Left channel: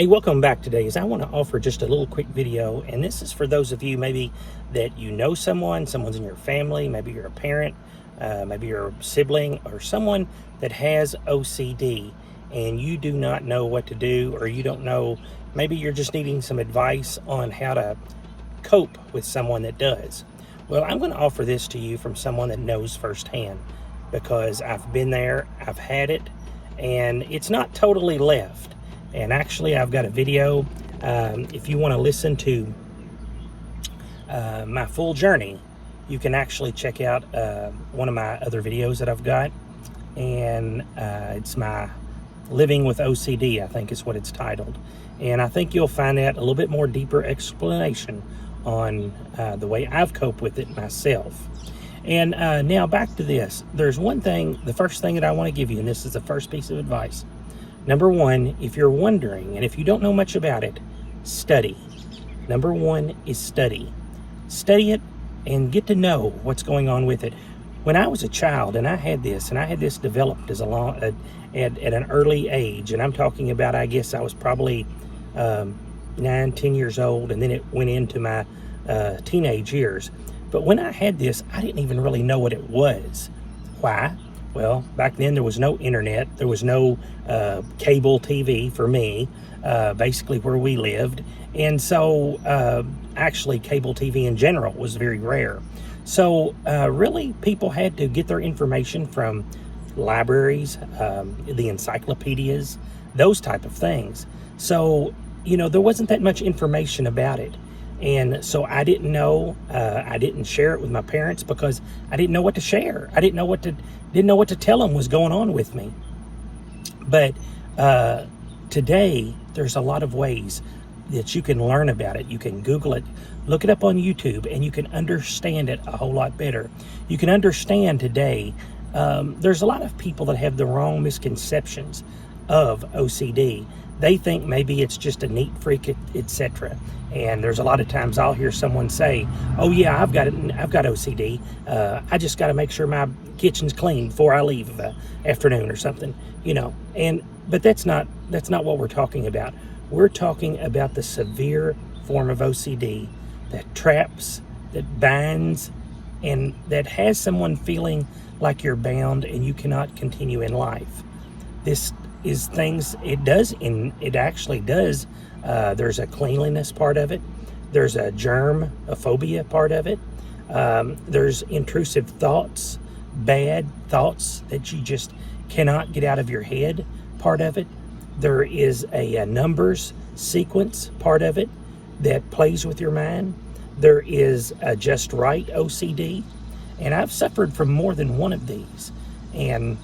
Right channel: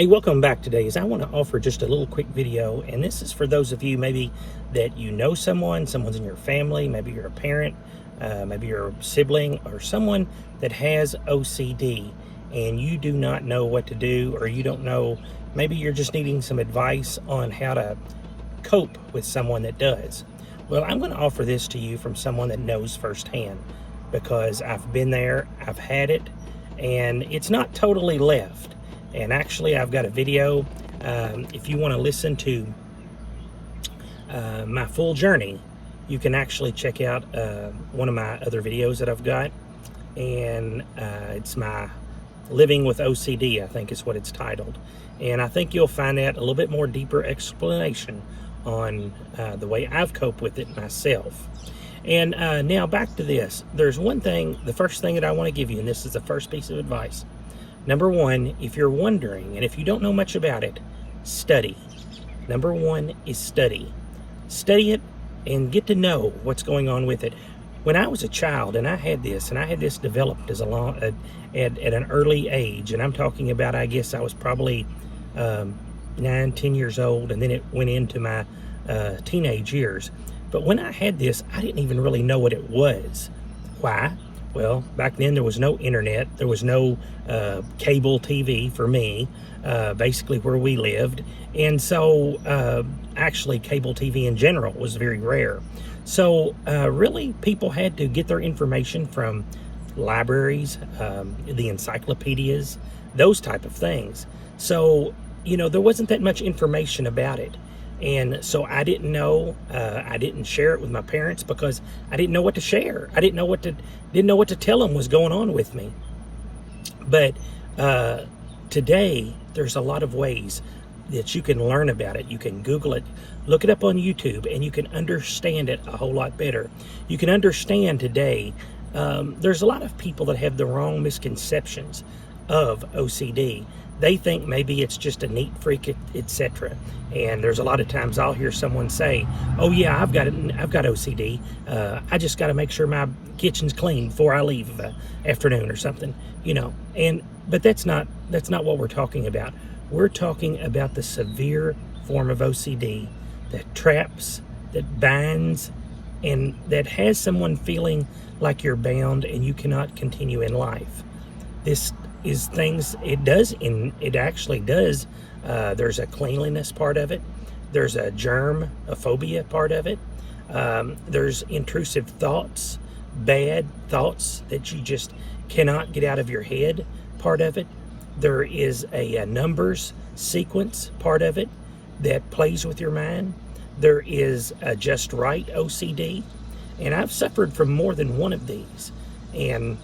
Hey, welcome back today. I want to offer just a little quick video, and this is for those of you maybe that you know someone's in your family, maybe you're a parent, maybe you're a sibling, or someone that has OCD, and you do not know what to do, or you don't know, maybe you're just needing some advice on how to cope with someone that does. Well, I'm going to offer this to you from someone that knows firsthand, because I've been there, I've had it, and it's not totally left. And actually, I've got a video. If you want to listen to my full journey, you can actually check out one of my other videos that I've got. And it's my Living with OCD, I think is what it's titled. And I think you'll find that a little bit more deeper explanation on the way I've coped with it myself. And now back to this. There's one thing, the first thing that I want to give you, and this is the first piece of advice. Number one, if you're wondering, and if you don't know much about it, study. Number one is study. Study it and get to know what's going on with it. When I was a child, and I had this developed as at an early age, and I'm talking about, I guess I was probably 9, 10 years old, and then it went into my teenage years. But when I had this, I didn't even really know what it was. Why? Well, back then there was no internet, there was no cable TV for me, basically where we lived. And so actually cable TV in general was very rare. So really people had to get their information from libraries, the encyclopedias, those type of things. So, you know, there wasn't that much information about it. And so I didn't know, I didn't share it with my parents because I didn't know what to share. I didn't know what to tell them was going on with me. But today, there's a lot of ways that you can learn about it. You can Google it, look it up on YouTube, and you can understand it a whole lot better. You can understand today, there's a lot of people that have the wrong misconceptions of OCD. They think maybe it's just a neat freak, etc. And there's a lot of times I'll hear someone say, "Oh yeah, I've got OCD. I just got to make sure my kitchen's clean before I leave afternoon or something." You know, but that's not what we're talking about. We're talking about the severe form of OCD that traps, that binds, and that has someone feeling like you're bound and you cannot continue in life. This is things it actually does. There's a cleanliness part of it. There's a germophobia part of it. There's intrusive thoughts, bad thoughts that you just cannot get out of your head part of it. There is a numbers sequence part of it that plays with your mind. There is a just right OCD. And I've suffered from more than one of these. And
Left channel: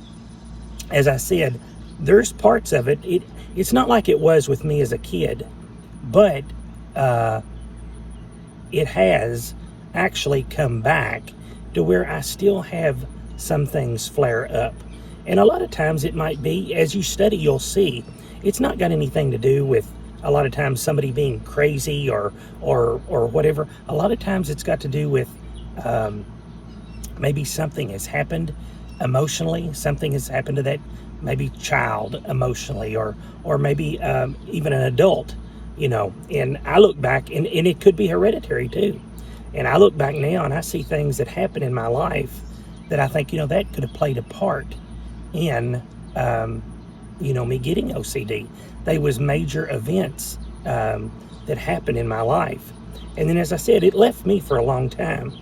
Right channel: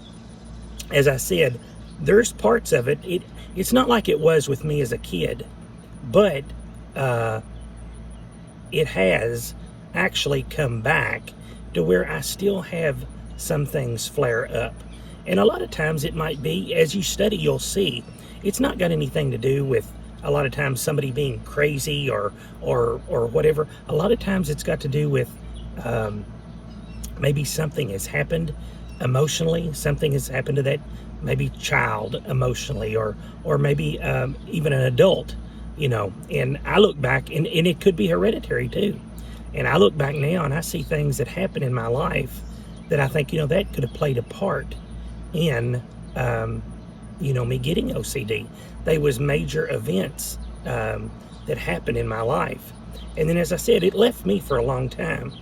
as I said, there's parts of it. It's not like it was with me as a kid, but it has actually come back to where I still have some things flare up. And a lot of times it might be, as you study, you'll see, it's not got anything to do with a lot of times somebody being crazy or whatever. A lot of times it's got to do with maybe something has happened emotionally, something has happened to that maybe child emotionally, or maybe even an adult, you know. And I look back, and it could be hereditary too. And I look back now and I see things that happen in my life that I think, you know, that could have played a part in, you know, me getting OCD. They was major events that happened in my life. And then, as I said, it left me for a long time.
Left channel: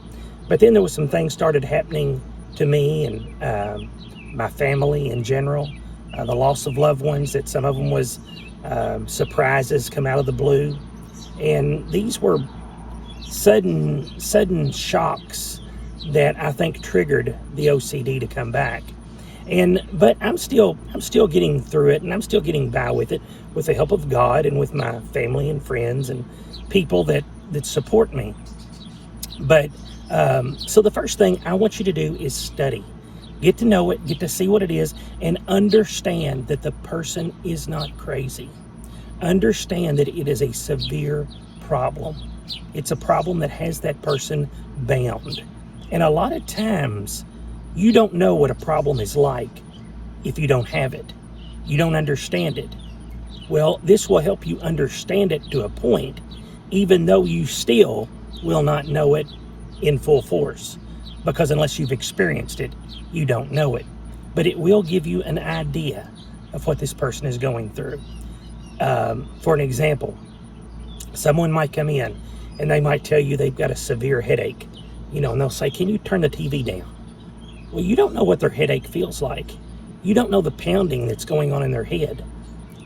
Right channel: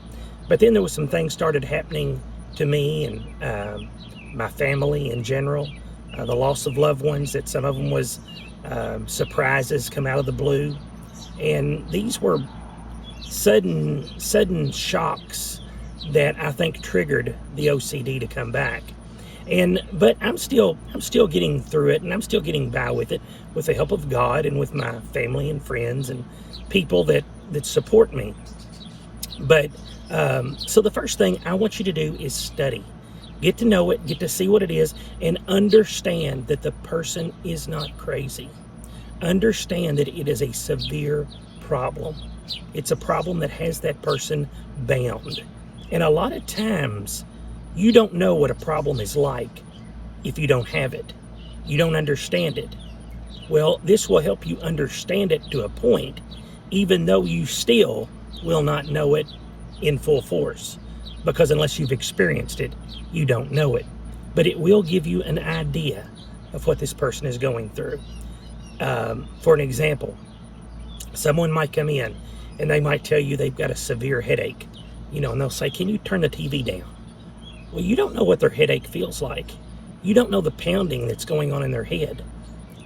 But then there was some things started happening to me and my family in general, the loss of loved ones, that some of them was surprises come out of the blue. And these were sudden shocks that I think triggered the OCD to come back. But I'm still getting through it, and I'm still getting by with it with the help of God and with my family and friends and people that support me. But so the first thing I want you to do is study. Get to know it, get to see what it is, and understand that the person is not crazy. Understand that it is a severe problem. It's a problem that has that person bound. And a lot of times, you don't know what a problem is like if you don't have it. You don't understand it. Well, this will help you understand it to a point, even though you still will not know it in full force, because unless you've experienced it, you don't know it. But it will give you an idea of what this person is going through. For an example, someone might come in and they might tell you they've got a severe headache, and they'll say, "Can you turn the TV down?" Well, you don't know what their headache feels like. You don't know the pounding that's going on in their head.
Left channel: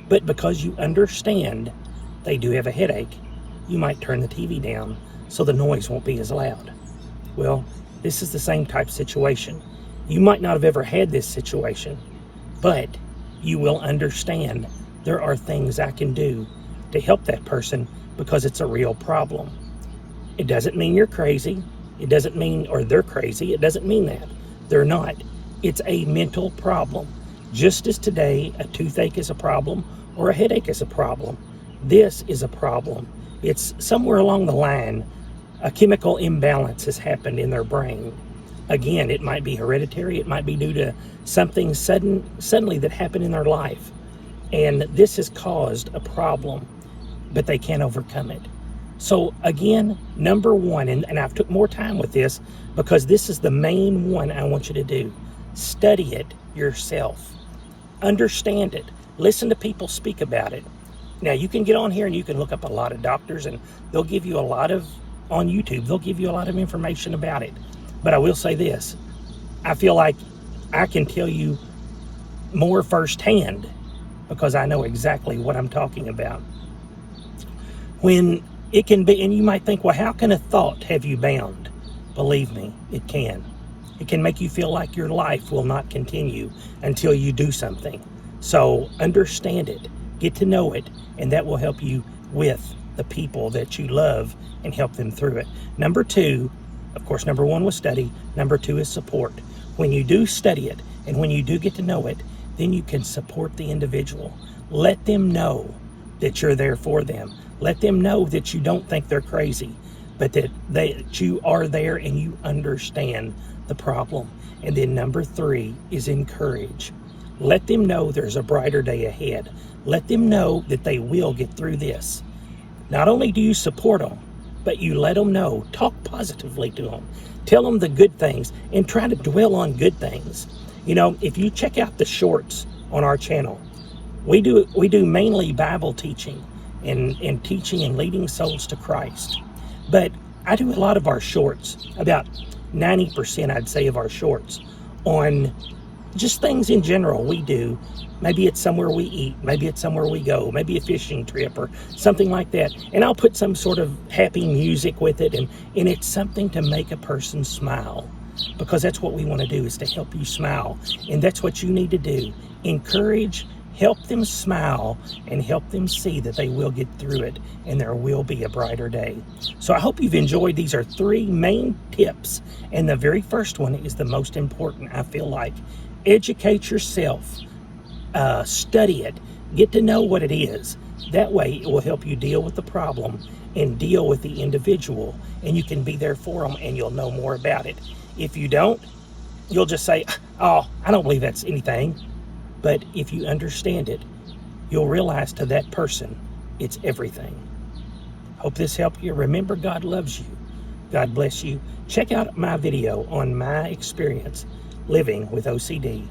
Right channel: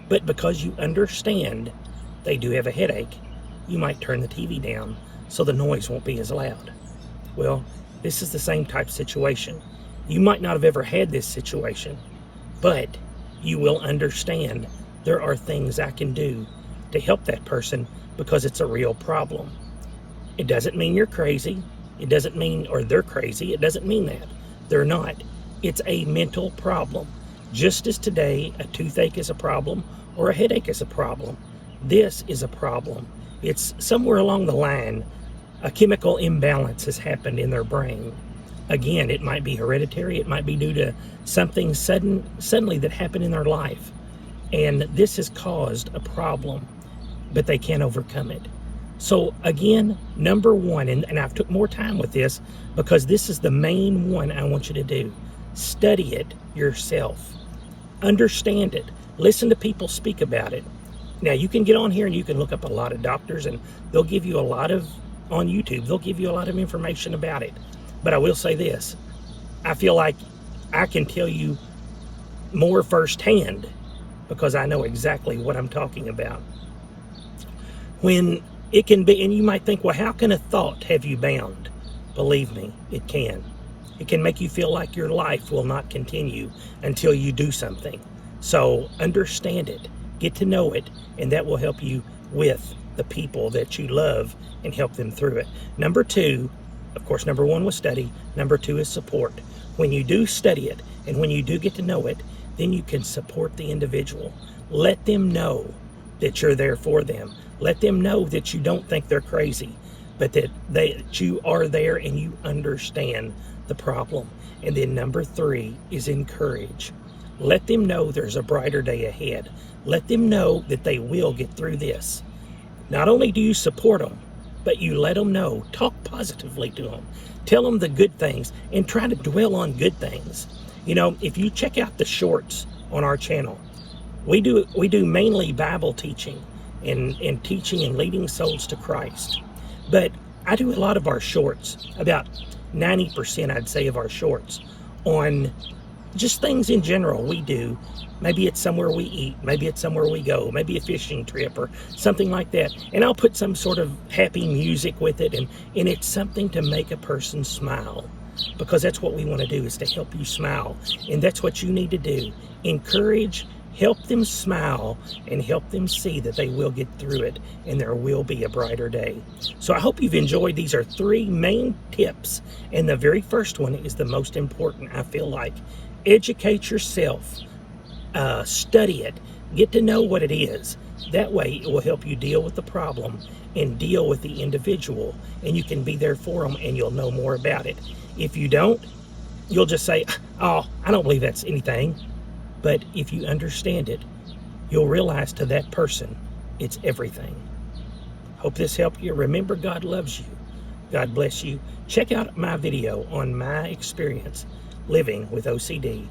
But because you understand they do have a headache, you might turn the TV down so the noise won't be as loud. Well, this is the same type situation. You might not have ever had this situation, but you will understand there are things I can do to help that person because it's a real problem. It doesn't mean you're crazy. It doesn't mean, or they're crazy. It doesn't mean that. They're not. It's a mental problem. Just as today a toothache is a problem or a headache is a problem, this is a problem. It's somewhere along the line, a chemical imbalance has happened in their brain. Again, it might be hereditary. It might be due to something suddenly that happened in their life. And this has caused a problem, but they can't overcome it. So again, number one, and I've took more time with this because this is the main one I want you to do. Study it yourself. Understand it. Listen to people speak about it. Now, you can get on here and you can look up a lot of doctors and they'll give you on YouTube, they'll give you a lot of information about it. But I will say this, I feel like I can tell you more firsthand because I know exactly what I'm talking about. When it can be, and you might think, well, how can a thought have you bound? Believe me, it can. It can make you feel like your life will not continue until you do something. So understand it, get to know it, and that will help you with the people that you love and help them through it. Number two, of course, number one was study. Number two is support. When you do study it and when you do get to know it, then you can support the individual. Let them know that you're there for them. Let them know that you don't think they're crazy, but that you are there and you understand the problem. And then number three is encourage. Let them know there's a brighter day ahead. Let them know that they will get through this. Not only do you support them, but you let them know, talk positively to them, tell them the good things, and try to dwell on good things. If you check out the shorts on our channel, we do mainly Bible teaching and teaching and leading souls to Christ. But I do a lot of our shorts, about 90% I'd say of our shorts, on just things in general we do. Maybe it's somewhere we eat, maybe it's somewhere we go, maybe a fishing trip or something like that. And I'll put some sort of happy music with it, and it's something to make a person smile, because that's what we want to do, is to help you smile. And that's what you need to do. Encourage, help them smile, and help them see that they will get through it and there will be a brighter day. So I hope you've enjoyed. These are three main tips, and the very first one is the most important, I feel like. Educate yourself. Study it. Get to know what it is. That way it will help you deal with the problem and deal with the individual, and you can be there for them and you'll know more about it. If you don't, you'll just say, "Oh, I don't believe that's anything." But if you understand it, you'll realize to that person, it's everything. Hope this helped you. Remember, God loves you. God bless you. Check out my video on my experience living with OCD.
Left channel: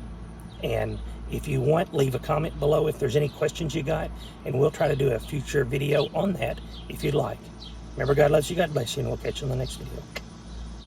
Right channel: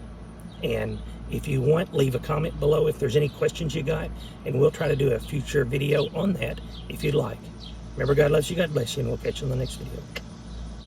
And if you want, leave a comment below if there's any questions you got, and we'll try to do a future video on that if you'd like. Remember, God loves you. God bless you, and we'll catch you in the next video.